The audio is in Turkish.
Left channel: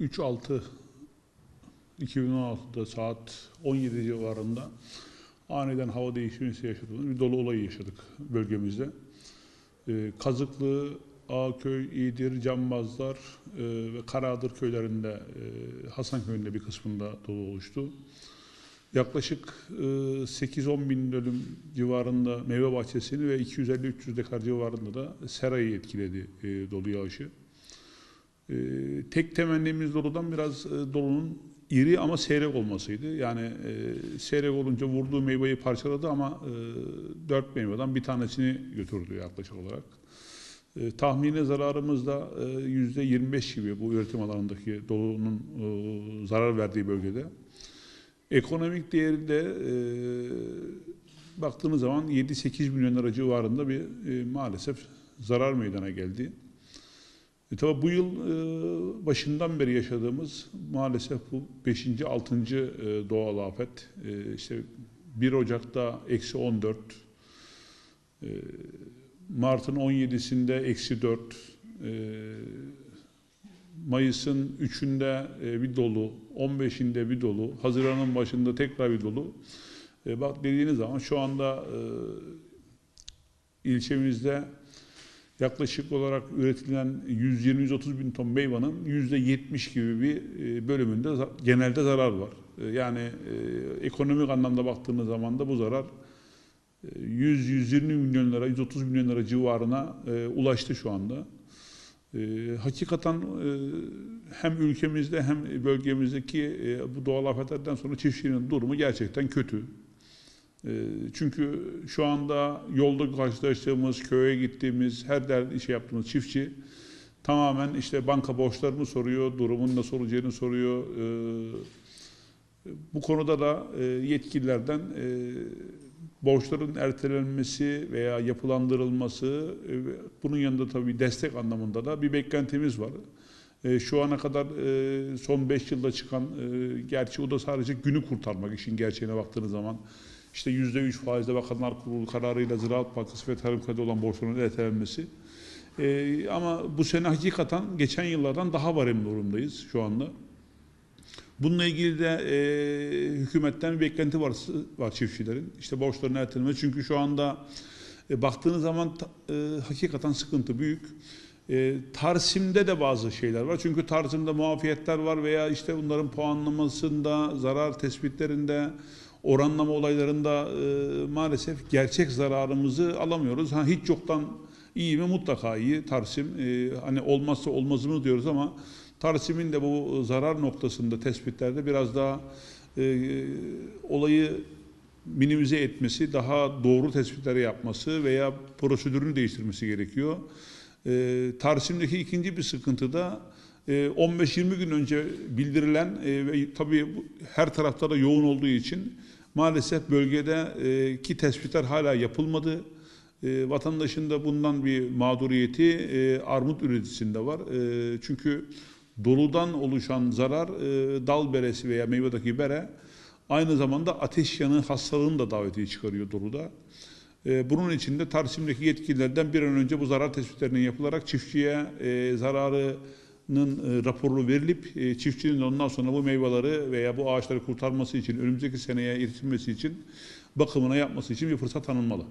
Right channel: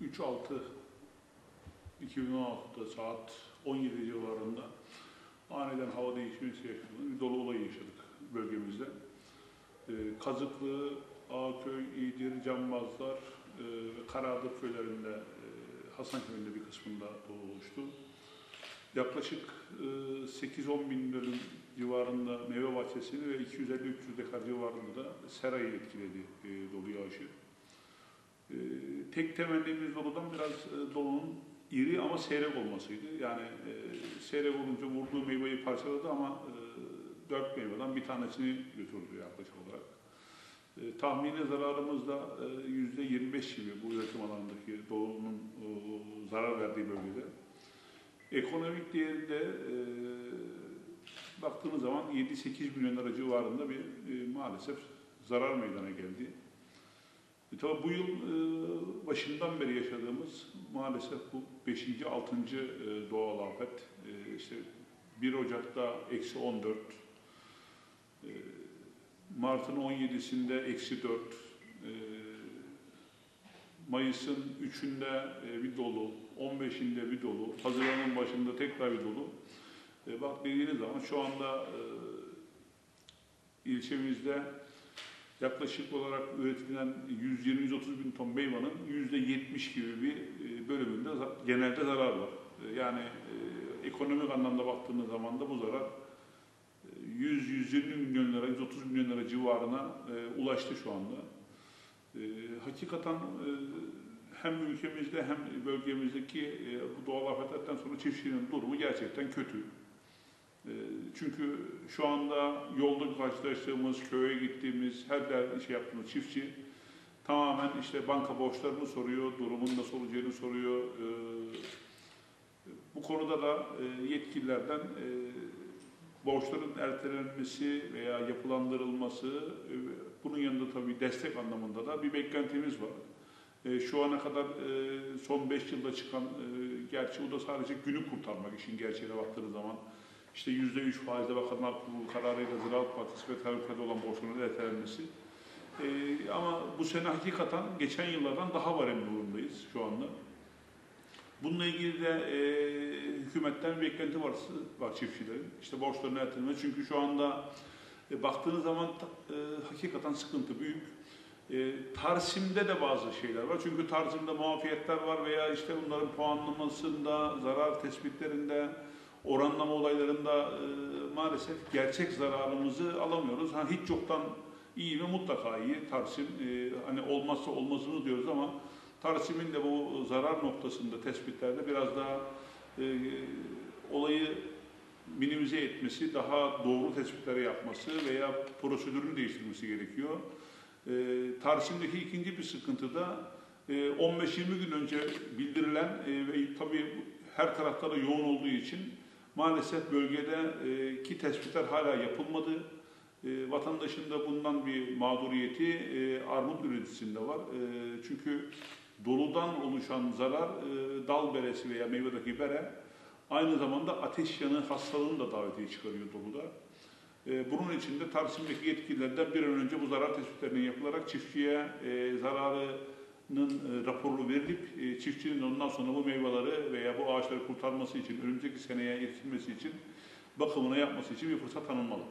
3.6.2016'da saat 17 civarında aniden hava değişimi yaşadığımız bir dolu olayı yaşadık bölgemizde. Kazıklı, Ağköy, İğdir, Cambazlar ve Karaağdır köylerinde, Hasanköy'ün bir kısmında dolu oluştu. Yaklaşık 8-10 bin dönüm civarında meyve bahçesini ve 250-300 dekar civarında da serayı etkiledi dolu yağışı. Tek temennimiz doludan biraz dolunun iri ama seyrek olmasıydı. Yani seyrek olunca vurduğu meyveyi parçaladı ama 4 meyveden bir tanesini götürdü yaklaşık olarak. Tahmini zararımız da %25 gibi bu üretim alanındaki dolunun zarar verdiği bölgede. Ekonomik değeri de baktığınız zaman 7-8 milyon lira civarında bir maalesef zarar meydana geldi. Tabii bu yıl başından beri yaşadığımız maalesef bu 5. 6. doğal afet. İşte 1 Ocak'ta -14, Mart'ın 17'sinde -4, Mayıs'ın 3'ünde bir dolu, 15'inde bir dolu, Haziran'ın başında tekrar bir dolu. Bak dediğiniz zaman şu anda ilçemizde yaklaşık olarak üretilen 120-130 bin ton meyvanın %70 gibi bir bölümünde genelde zarar var. Yani ekonomik anlamda baktığınız zaman da bu zarar 100-120 milyon lira, 130 milyon lira civarına ulaştı şu anda. Hakikaten hem ülkemizde hem bölgemizdeki bu doğal afetlerden sonra çiftçinin durumu gerçekten kötü. Çünkü şu anda yolda karşılaştığımız, köye gittiğimiz, her şey yaptığımız çiftçi tamamen işte banka borçlarını soruyor, durumun nasıl olacağını soruyor. Bu konuda da yetkililerden borçların ertelenmesi veya yapılandırılması, bunun yanında tabii destek anlamında da bir beklentimiz var. Şu ana kadar son 5 yılda çıkan, gerçi o da sadece günü kurtarmak, işin gerçeğine baktığınız zaman, işte %3 faizle Bakanlar Kurulu kararıyla Ziraat Bankası ve Tarım Kredi olan borçların ertelenmesi. Ama bu sene hakikaten geçen yıllardan daha varimli durumdayız şu anda. Bununla ilgili de hükümetten bir beklenti var çiftçilerin. İşte borçların ertelenmesi. Çünkü şu anda baktığınız zaman hakikaten sıkıntı büyük. Tarsim'de de bazı şeyler var. Çünkü Tarsim'de muafiyetler var veya işte bunların puanlamasında, zarar tespitlerinde, oranlama olaylarında maalesef gerçek zararımızı alamıyoruz. Hiç yoktan iyi mi? Mutlaka iyi. Tarsim hani olmazsa olmazımız diyoruz ama Tarsim'in de bu zarar noktasında tespitlerde biraz daha olayı minimize etmesi, daha doğru tespitleri yapması veya prosedürünü değiştirmesi gerekiyor. Tarsim'deki ikinci bir sıkıntı da 15-20 gün önce bildirilen ve tabii her tarafta da yoğun olduğu için maalesef bölgedeki tespitler hala yapılmadı. Vatandaşın da bundan bir mağduriyeti armut üreticisinde var. Çünkü doludan oluşan zarar dal beresi veya meyvedeki bere aynı zamanda ateş yanığı hastalığını da davetiye çıkarıyor doluda. Bunun için de Tarsim'deki yetkililerden bir an önce bu zarar tespitlerinin yapılarak çiftçiye zararının raporu verilip çiftçinin ondan sonra bu meyveleri veya bu ağaçları kurtarması için, önümüzdeki seneye iletilmesi için, bakımına yapması için bir fırsat tanınmalı.